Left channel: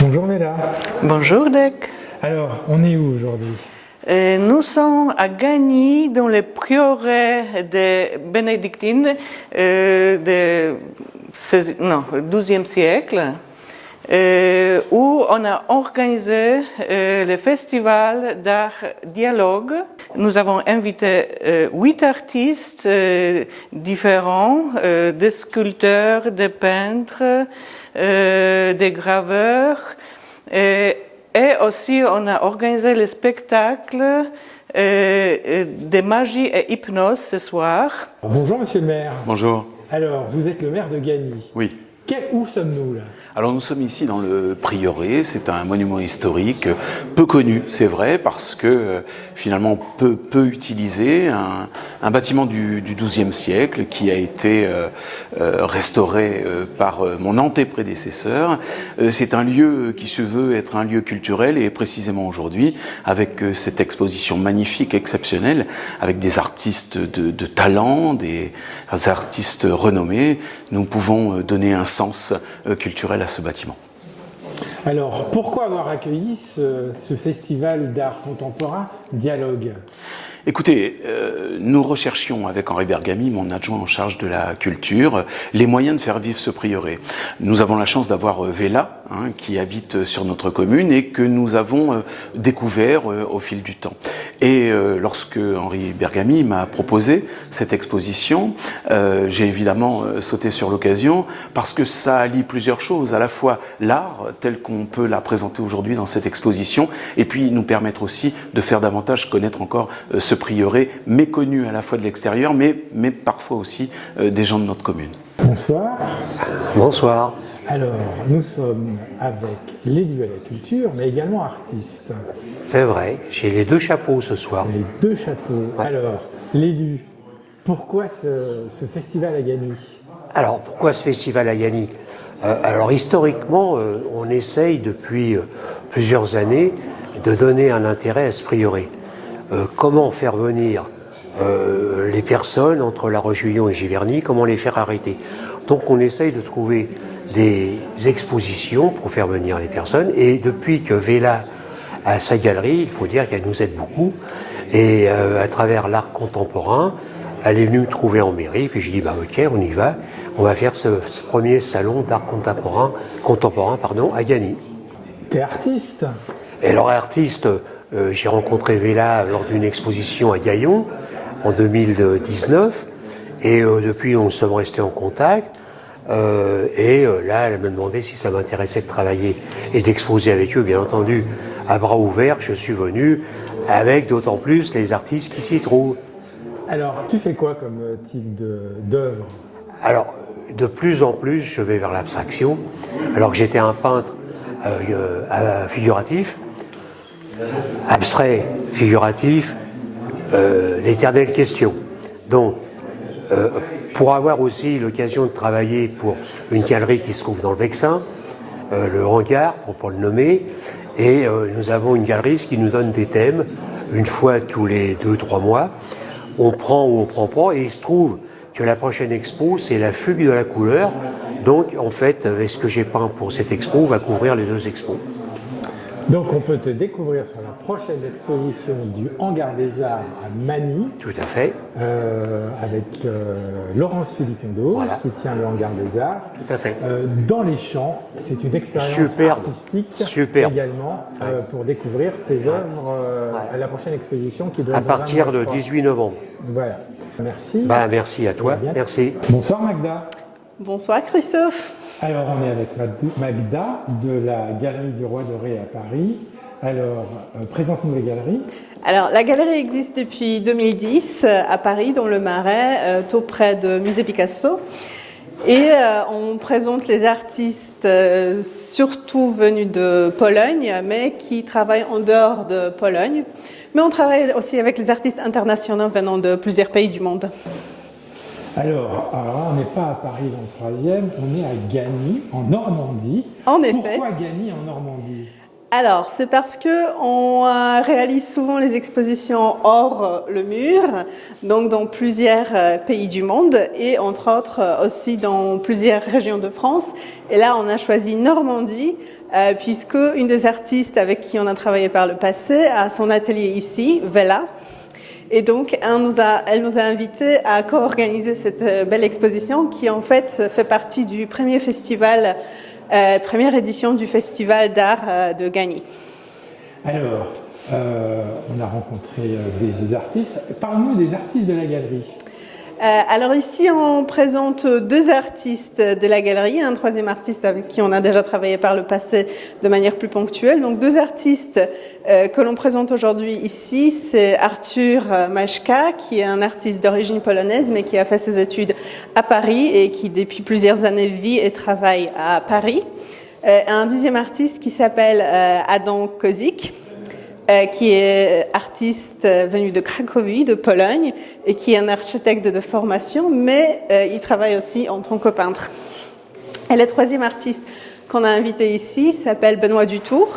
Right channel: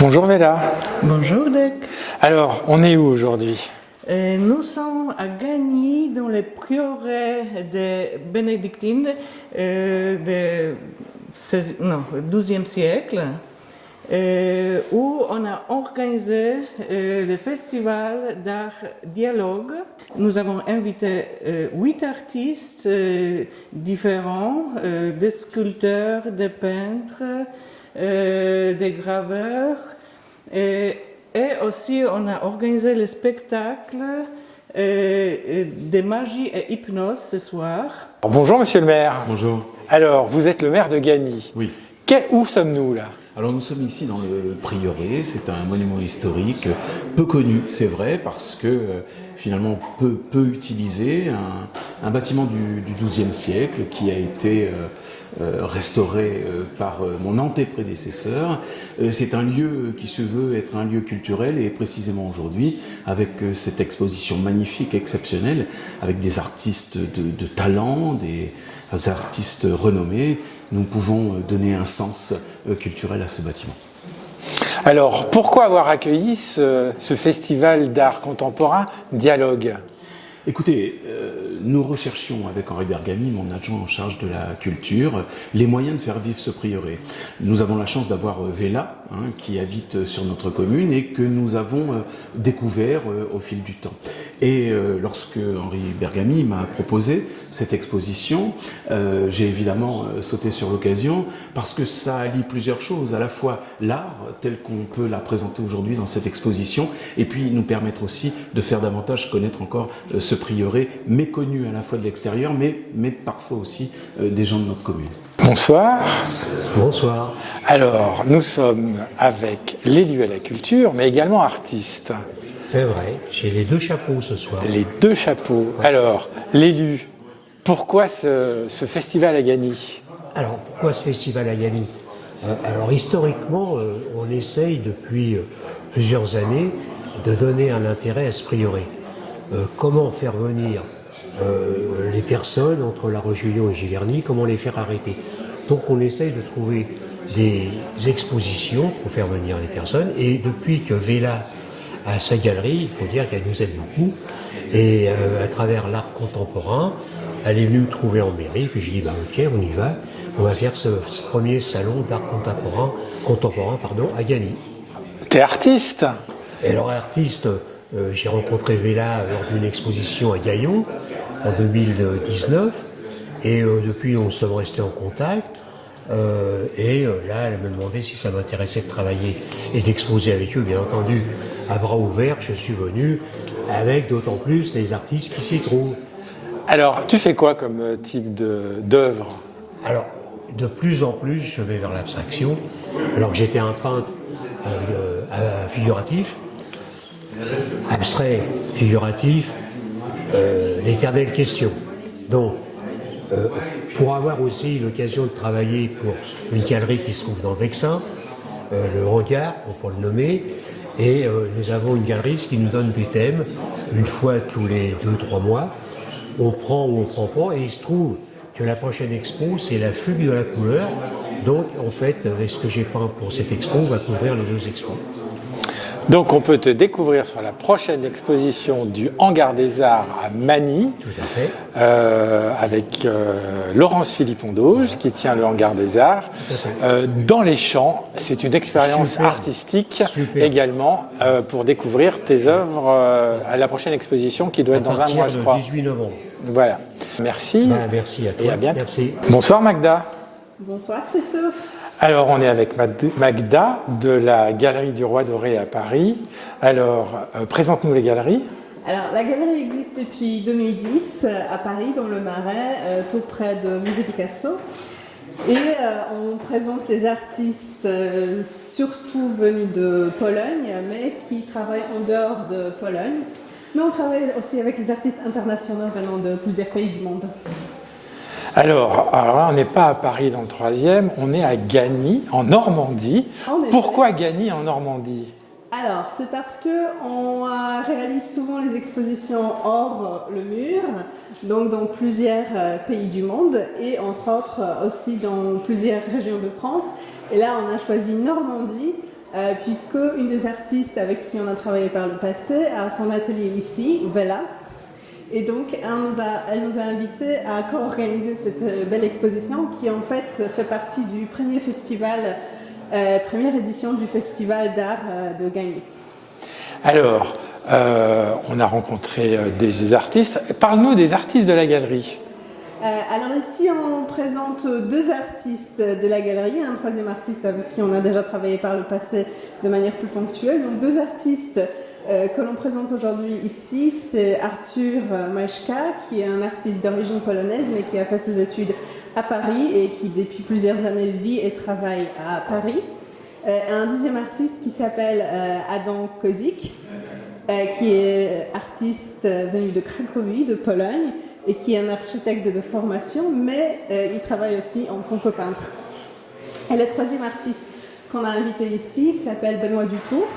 Bonjour Vela. Bonjour Dec. Alors, on est où aujourd'hui? Nous sommes à Gagny, dans le prieuré des bénédictines du XIIe siècle, où on a organisé le festival d'art dialogue. Nous avons invité 8 artistes différents, des sculpteurs, des peintres, des graveurs, et aussi on a organisé le spectacle de magie et hypnose ce soir. Bonjour Monsieur le maire. Bonjour. Alors, vous êtes le maire de Gagny. Oui. Où sommes-nous là? Alors nous sommes ici dans le prieuré, c'est un monument historique peu connu, c'est vrai, parce que finalement peu utilisé, un bâtiment du XIIe siècle qui a été restauré par mon antéprédécesseur. C'est un lieu qui se veut être un lieu culturel et précisément aujourd'hui, avec cette exposition magnifique, exceptionnelle, avec des artistes de talent, des artistes renommés, nous pouvons donner un sens culturel à ce bâtiment. Alors, pourquoi avoir accueilli ce festival d'art contemporain Dialogue? Écoutez, nous recherchions avec Henri Bergamy, mon adjoint en charge de la culture, les moyens de faire vivre ce prieuré. Nous avons la chance d'avoir Vela, qui habite sur notre commune et que nous avons découvert au fil du temps. Et lorsque Henri Bergamy m'a proposé cette exposition, j'ai évidemment sauté sur l'occasion parce que ça allie plusieurs choses, à la fois l'art tel qu'on peut la présenter aujourd'hui dans cette exposition et puis nous permettre aussi de faire davantage connaître encore ce prieuré méconnu à la fois de l'extérieur mais parfois aussi des gens de notre commune. Bonsoir. Bonsoir. Alors, nous sommes avec l'élu à la culture, mais également artiste. C'est vrai, j'ai les deux chapeaux ce soir. Les deux chapeaux. Ouais. Alors, l'élu, pourquoi ce festival à Gagny? Alors, pourquoi ce festival à Gagny? Alors, historiquement, on essaye depuis plusieurs années de donner un intérêt à ce prieuré. Comment faire venir les personnes entre La Roche-Guyon et Giverny, comment les faire arrêter. Donc on essaye de trouver des expositions pour faire venir les personnes et depuis que Vela a sa galerie, il faut dire qu'elle nous aide beaucoup et à travers l'art contemporain, elle est venue me trouver en mairie puis j'ai dit bah ok on y va, on va faire ce premier salon d'art contemporain à Gagny. T'es artiste? Et alors artiste, j'ai rencontré Vela lors d'une exposition à Gaillon en 2019 et depuis nous sommes restés en contact et là elle me demandait si ça m'intéressait de travailler et d'exposer avec eux, bien entendu à bras ouverts. Je suis venu avec d'autant plus les artistes qui s'y trouvent. Alors tu fais quoi comme type d'œuvre? Alors de plus en plus je vais vers l'abstraction alors que j'étais un peintre figuratif, abstrait, figuratif, l'éternelle question. Donc, pour avoir aussi l'occasion de travailler pour une galerie qui se trouve dans le Vexin, le Hangar, pour le nommer, et nous avons une galeriste qui nous donne des thèmes, une fois tous les 2-3 mois, on prend ou on prend pas, et il se trouve que la prochaine expo, c'est la fugue de la couleur, donc en fait, ce que j'ai peint pour cette expo va couvrir les deux expos. Donc on peut te découvrir sur la prochaine exposition du Hangar des Arts à Magny. Tout à fait. Avec Laurence Philippon-Dauge, voilà, qui tient le Hangar des Arts. Tout à fait. Dans les champs, c'est une expérience artistique également pour découvrir tes œuvres à la prochaine exposition qui doit être dans un mois, je crois. À partir de 18 novembre. Voilà. Merci. Merci à toi. Merci. Bonsoir Magda. Bonsoir Christophe. Alors, on est avec Magda de la Galerie du Roi Doré à Paris. Alors, présente-nous les galeries. Alors, la galerie existe depuis 2010 à Paris, dans le Marais, tout près de Musée Picasso. Et on présente les artistes surtout venus de Pologne, mais qui travaillent en dehors de Pologne. Mais on travaille aussi avec les artistes internationaux venant de plusieurs pays du monde. Alors là, on n'est pas à Paris dans le 3e, on est à Gagny, en Normandie. En effet. Pourquoi Gagny en Normandie? Alors, c'est parce qu'on réalise souvent les expositions hors le mur, donc dans plusieurs pays du monde et entre autres aussi dans plusieurs régions de France. Et là, on a choisi Normandie puisque une des artistes avec qui on a travaillé par le passé a son atelier ici, Vela. Et donc, elle nous a invités à co-organiser cette belle exposition qui, en fait partie du premier festival, première édition du Festival d'art de Gagny. Alors, on a rencontré des artistes. Parle-nous des artistes de la galerie. Alors ici, on présente 2 artistes de la galerie, un 3e artiste avec qui on a déjà travaillé par le passé de manière plus ponctuelle. Donc 2 artistes que l'on présente aujourd'hui ici, c'est Artur Majka, qui est un artiste d'origine polonaise, mais qui a fait ses études à Paris et qui depuis plusieurs années vit et travaille à Paris. Un 2e artiste qui s'appelle Adam Kozik, qui est artiste venu de Cracovie, de Pologne, et qui est un architecte de formation, mais il travaille aussi en tant que peintre. Et le 3e artiste qu'on a invité ici s'appelle Benoît Dutour,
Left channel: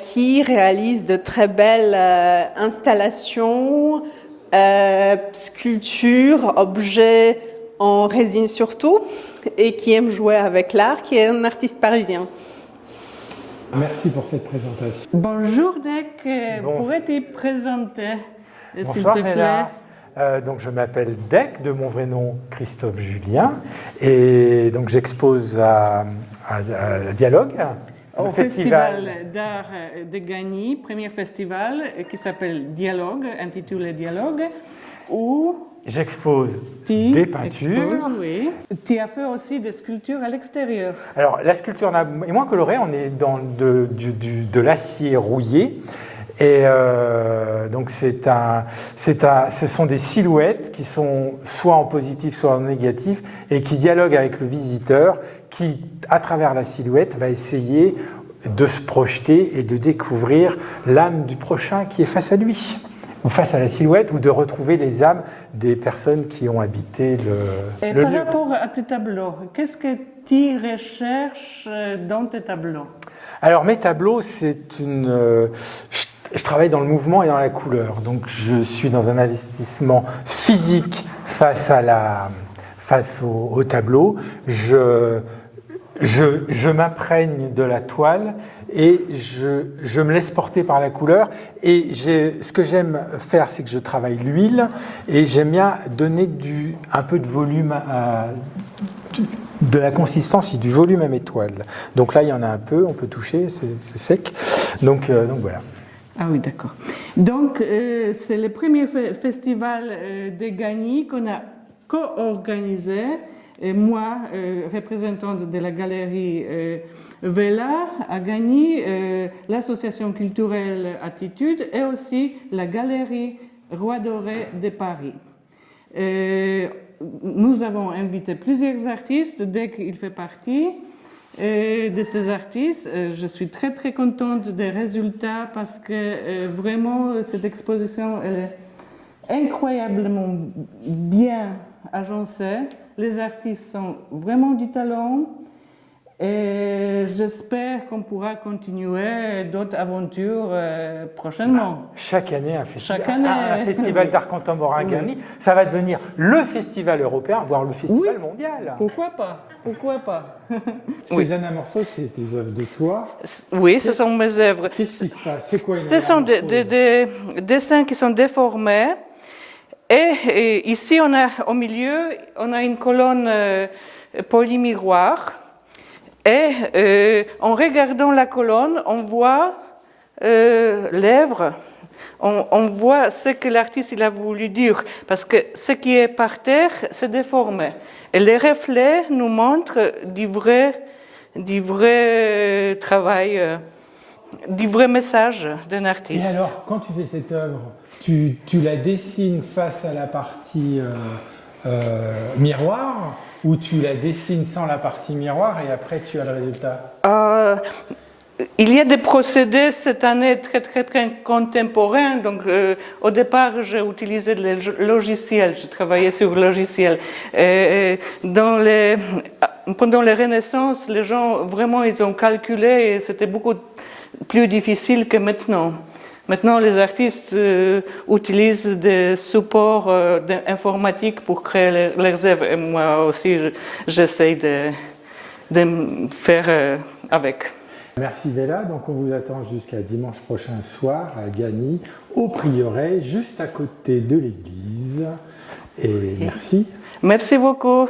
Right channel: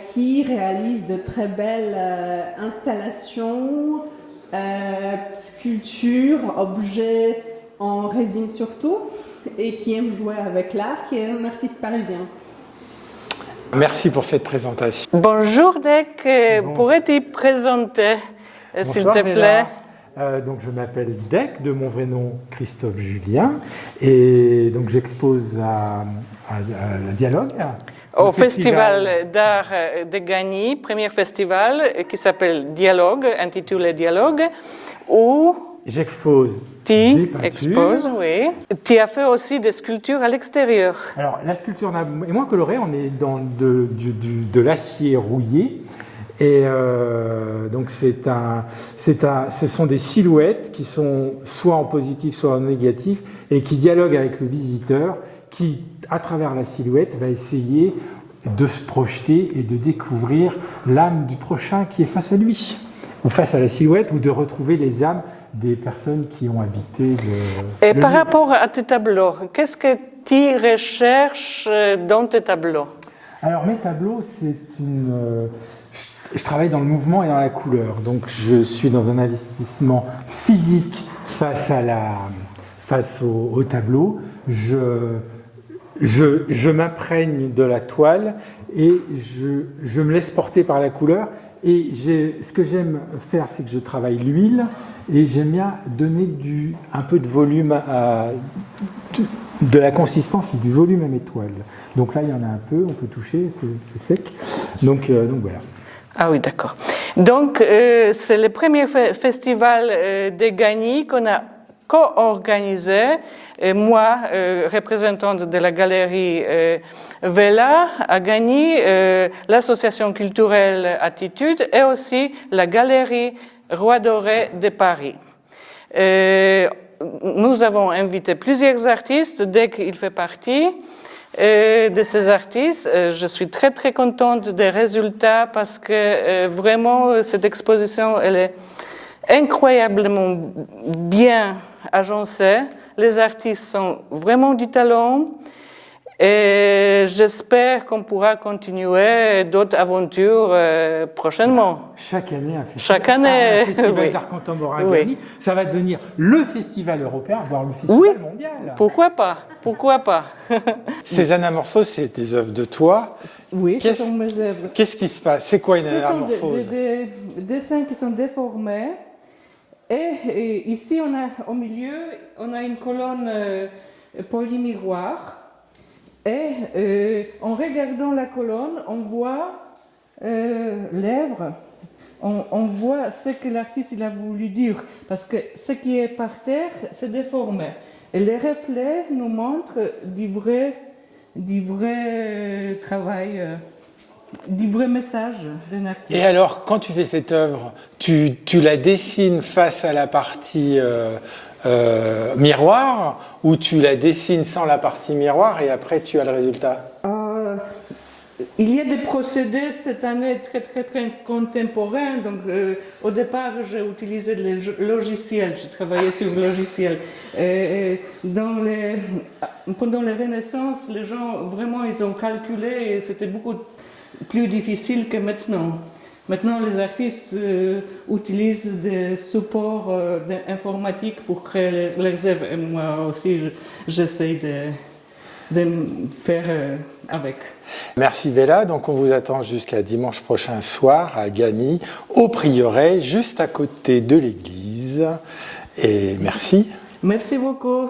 qui réalise de très belles installations, sculptures, objets en résine surtout, et qui aime jouer avec l'art, qui est un artiste parisien. Merci pour cette présentation. Bonjour Dec, pourrais-tu présenter, s'il te plaît? Donc je m'appelle Dec, de mon vrai nom Christophe Julien, et donc j'expose à Dialogue. Au Festival d'art de Gagny, premier festival qui s'appelle Dialogue, intitulé Dialogue, où j'expose des peintures. Exposes, oui. Tu as fait aussi des sculptures à l'extérieur. Alors la sculpture est moins colorée, on est dans de l'acier rouillé. Et donc ce sont des silhouettes qui sont soit en positif, soit en négatif, et qui dialoguent avec le visiteur, qui, à travers la silhouette, va essayer de se projeter et de découvrir l'âme du prochain qui est face à lui, ou face à la silhouette, ou de retrouver les âmes des personnes qui ont habité le Et par lieu. rapport à tes tableaux, qu'est-ce que tu recherches dans tes tableaux? Alors mes tableaux, c'est une... Je travaille dans le mouvement et dans la couleur, donc je suis dans un investissement physique face au tableau. Je m'imprègne de la toile et je me laisse porter par la couleur. Et ce que j'aime faire, c'est que je travaille l'huile et j'aime bien donner un peu de volume, de la consistance et du volume à mes toiles. Donc là, il y en a un peu, on peut toucher, c'est sec. Donc voilà. Ah oui, d'accord. Donc, c'est le premier festival de Gagny qu'on a co-organisé. Moi, représentante de la galerie Vela à Gagny, l'association culturelle Attitude et aussi la galerie Roi Doré de Paris. Nous avons invité plusieurs artistes, dès qu'il fait partie de ces artistes. Je suis très très contente des résultats parce que vraiment cette exposition elle est incroyablement bien agencée. Les artistes sont vraiment du talent et j'espère qu'on pourra continuer d'autres aventures prochainement. Chaque année, un festival, Chaque année, un festival oui. d'art contemporain à Oui. Gagny, ça va devenir le festival européen, voire le festival Oui. mondial. Pourquoi pas? Pourquoi pas? Ces anamorphoses, c'est des œuvres de toi. Oui, ce sont mes œuvres. Qu'est-ce qui se passe? C'est quoi une Ce sont anamorphose? des dessins qui sont déformés. Et ici, au milieu, on a une colonne polymiroir. Et en regardant la colonne, on voit l'œuvre. On voit ce que l'artiste il a voulu dire. Parce que ce qui est par terre, c'est déformé. Et les reflets nous montrent du vrai travail, du vrai message d'un artiste. Et alors, quand tu fais cette œuvre, tu la dessines face à la partie miroir ou tu la dessines sans la partie miroir et après tu as le résultat? Il y a des procédés cette année très contemporains. Donc, au départ, j'ai utilisé le logiciel. Je travaillais sur le logiciel. Pendant la Renaissance, les gens vraiment ils ont calculé et c'était beaucoup plus difficile que maintenant. Maintenant, les artistes utilisent des supports informatiques pour créer leurs œuvres. Et moi aussi, j'essaie de faire avec. Merci Vella, donc on vous attend jusqu'à dimanche prochain soir à Gagny, au Prieuré, juste à côté de l'église. Et merci. Merci beaucoup.